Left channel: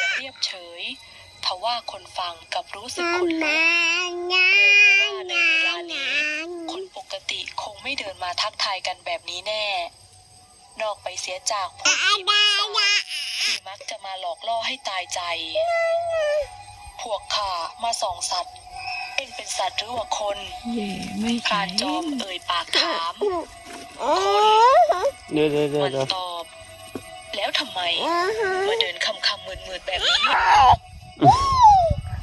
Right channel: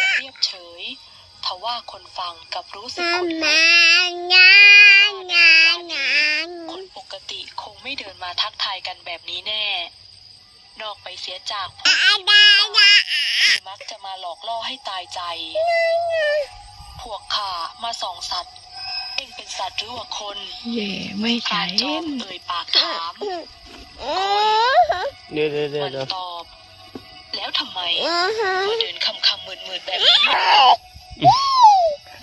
สียงเรียบเฉยทว่าคนฟังกลับรู้สึกขนลุกคนปกติคงไม่เดินมาทักทายกันแบบนี้แน่ นอกไปเสียจากพวกผีปีศาจที่มักจะมาหลอกล่อให้ตายใจ พวกข้ามาส่องสัตว์เอ็งเป็นสัตว์หรือว่าคนเย่ไม่พราใช่นจอมเอ่ยปากถามเดี๋ยวเดี๋ยวเดี๋ยวมันเดี๋ยวตอบ แล้วทำไมมาเดินคำคำ มืนมืนๆแบบนี้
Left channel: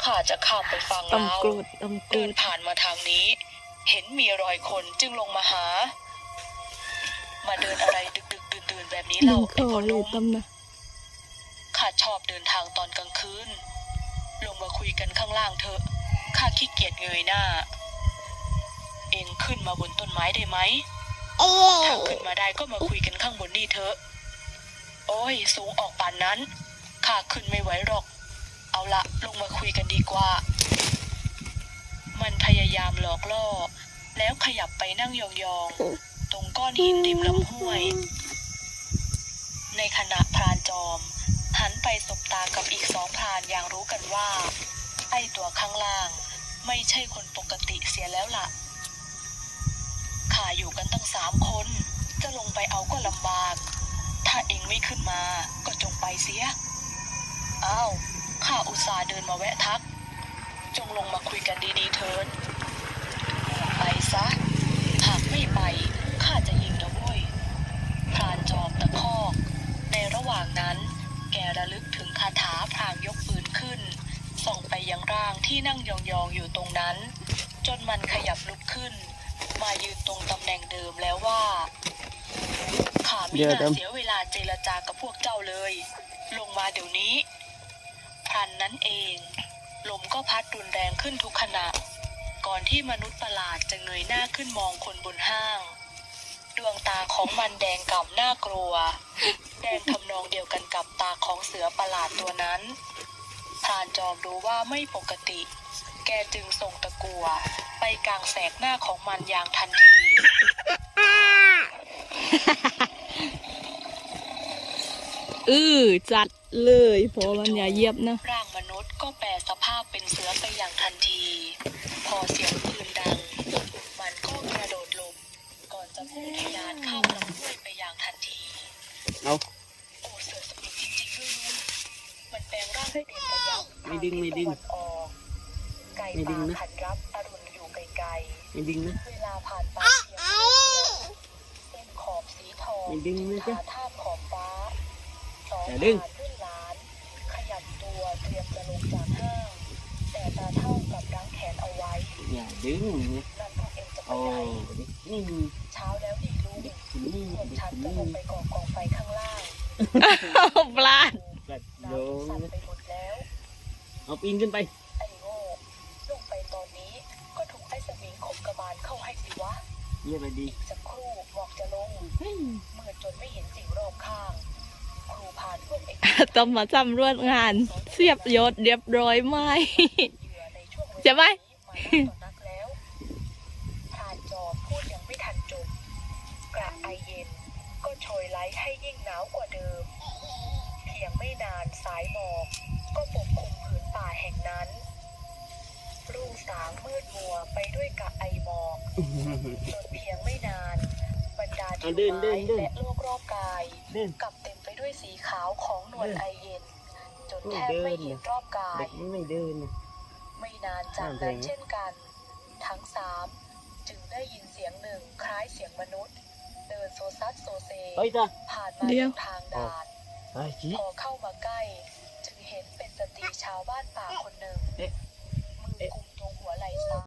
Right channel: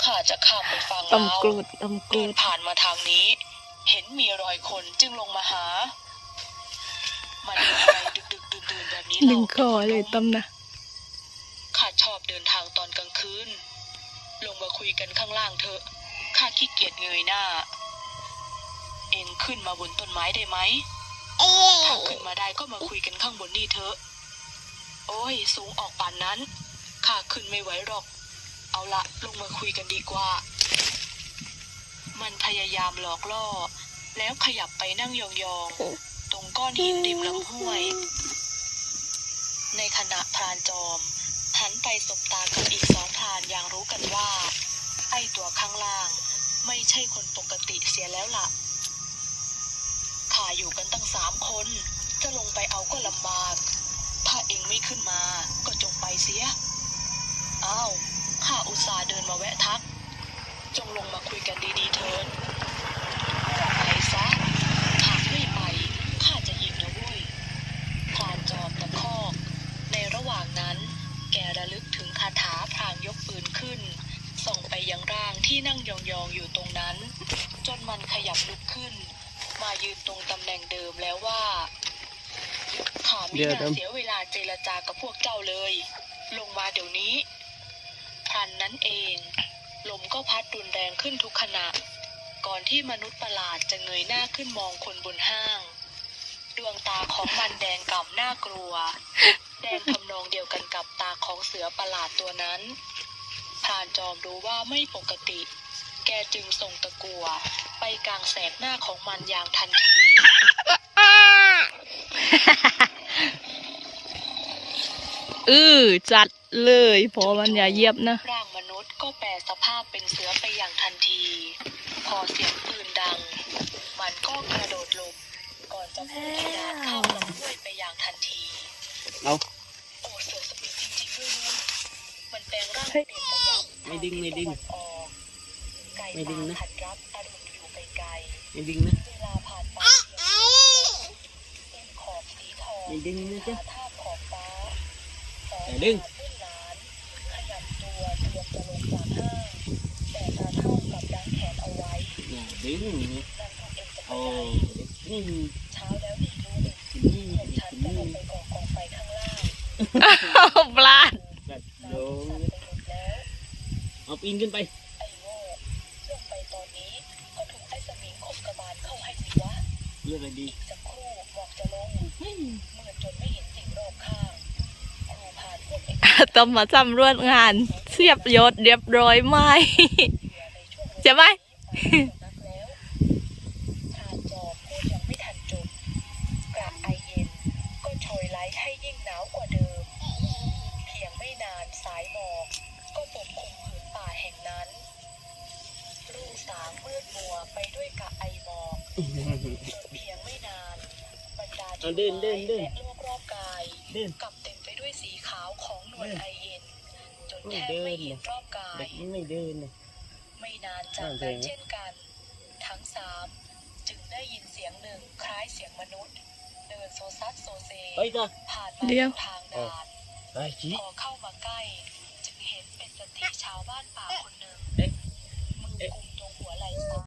ข้าจะข้ามไปฟังอมเรากูดอมกูเดินดผ่านมาทางนี้ เห็นมีรอยคนจึงลงมาหา มาเดินอะไรดึกดึกดื่นดื่นๆแบบนี้ดึเรางคอเลยต้มนะ ข้าชอบเดินทางตอนกลางคืน ลงมาคุยกันข้างล่างเถอะข้าขี้เกียจเงยหน้า เองขึ้นมาบนต้นไม้ได้ไหม ถ้าขึ้นมาได้ก็มาคุยกันข้างบนนี่เถอะ โอ้ย สูงออกป่านนั้น ข้าขึ้นไม่ไหวหรอก เอาละลงมาคุยกันดีกว่า มันพยายามหลอกล่อ แล้วขยับไปนั่งยองๆ ตรงก้อนหินริมลำห้วย ในขณะพรานจอม หันไปสบตากับอีกสองพรานอย่างรู้กันว่า ไอตัวข้างล่าง ไม่ใช่คนปกติเสียแล้วล่ะข้าอยู่กันตั้งสามคน จะลงไปเอาก็ลำบาก ถ้าเองไม่ขึ้นมาก็จ มาแวะทัก จงลงมาคุยกันดีๆเถิดไปซะ หากไม่ไปข้าจะยิงนะเว้ยพรานจอมตะคอก ในระหว่างนั้น แกระลึกถึงคาถาพรางยกปืนขึ้น ส่องไปยังร่างที่นั่งยองๆอยู่ตรงนั้น จนมันขยับลุกขึ้น มายืนตรงตำแหน่งเดิมแล้วว่าข้าไม่น่าเสียเวลาเจรจากับพวกเจ้าเลย ลงมาเดี๋ยวนี้ พรันนั้นเอง ลมก็พัดรุนแรงขึ้นทุกขณะ ก่อนที่มนุษย์ประหลาดจะเงยหน้าขึ้นมองคนบนห้าง ดวงตาของมันแดงก่ำน่ากลัว แดงทำนองเดียวกันกับตาของเสือประหลาดตัวนั้นพรานจอมรู้ว่าไม่ปกติ แกจึงส่งตะกัว ไปกลางแสกหน้าของมันอย่างทันที อือจัดเลยพอมันอย่าเหยียบนะ ร่างมนุษย์ก็แปลสภาพเป็นเสือไปอย่างทันที พอเสียงปืนดัง มันก็กระโดดหลบก่อนจะพุ่งขนาดเข้าลำห้วยไปอย่างทันทีเอาโอ้เสือสมิงจริงๆด้วยนะมันแปลงร่างเปลี่ยนระยะไม่ดิ้งไม่ดิ้งทาทิศตะวันออกไก่ไม่ดิ้ป่างนะขันรับอรุณอยู่ไกลไม่ดิ้งนะๆเวลาผ่านไปเสียงเส้นขอบสีทองไม่ดิ้งนะจ๊ะ องอย่าดิ้งหลานรุ่นหลานขยับตัวเตรียมจะลงจากห้างแต่ตาเท่ากับดังแขนเอาไว้อย่าดึงนี่นั่นพวกเองจะไปโอ้ไหนเด็กนี่เช้าแล้วนี่ลุงเด็กที่นี่พวกเด็กฉันที่จะลนี่งไปก่อกองไฟข้างล่างปลาดแบบน้โดำสั่นไปหมดแล้วเอาปีนขึ้นไปไอ้โง่ลงไปตอนนี้ก็ถูกไอ้สมิงขบกระบาลเข้าให้สิวะเรียกอะไรดีอีกสักครู่บอกจะลงมืดจนไม่เห็น ต้องมาสำรวจงานเสียบยศเรียบร้อยไหมเหยื่อในช่วงเวลาใช่ไหมนี้มานักแล้วพรานจอมพูดยังไม่ทันจบกระไอเย็น ก็โชยไล้ให้ยิ่งหนาวกว่าเดิม เพียงไม่นานสายหมอกก็ปกคลุมผืนป่าแห่งนั้นรุ่งสางมืดมัวไปด้วยกะไอหมอกจนเพียงไม่นานบรรดาเอาทิวเดินไม้เดินเดินและโลกรอบกายเดินกลับเต็มไป ด้วยสีขาวของนวลเดินไอเย็น จนโอ้แทบเดินไม่เห็นรอบกาเด็ยกมันไม่เดินนะไม่นานจากนั่นั้นนเองเช่นกัน ทั้งสามจึงได้ยินเสียงหนึ่งคล้ายเสียงมนุษย์ เดินโซซัดโซเซไปจ้ะผ่านมาเดี๋ยวทางด่านไปจีพอเข้ามาใกล้ จึงเห็นเป็นสตรีชาวบ้านป่าคนหนึ่งเอ๊ะมือเอ๊ะกุมตรงหัวไหล่ซ้าย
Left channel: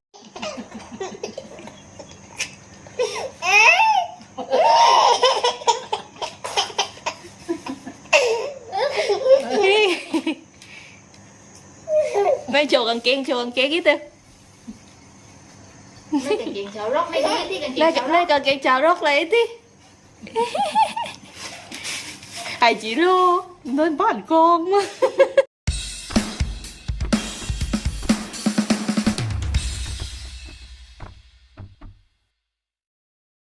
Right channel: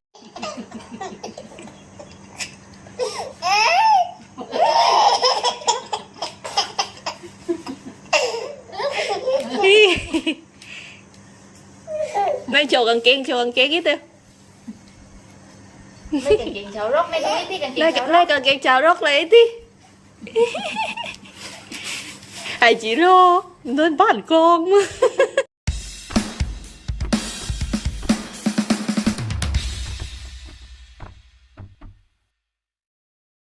ไม่โชว์กางเกงโชว์กางเกงอีกเถอะ lấy cần chuyện xấu rốt lấy cái cái cần ไล่ chuyện xấu ไล่ rốt กางเกงชาว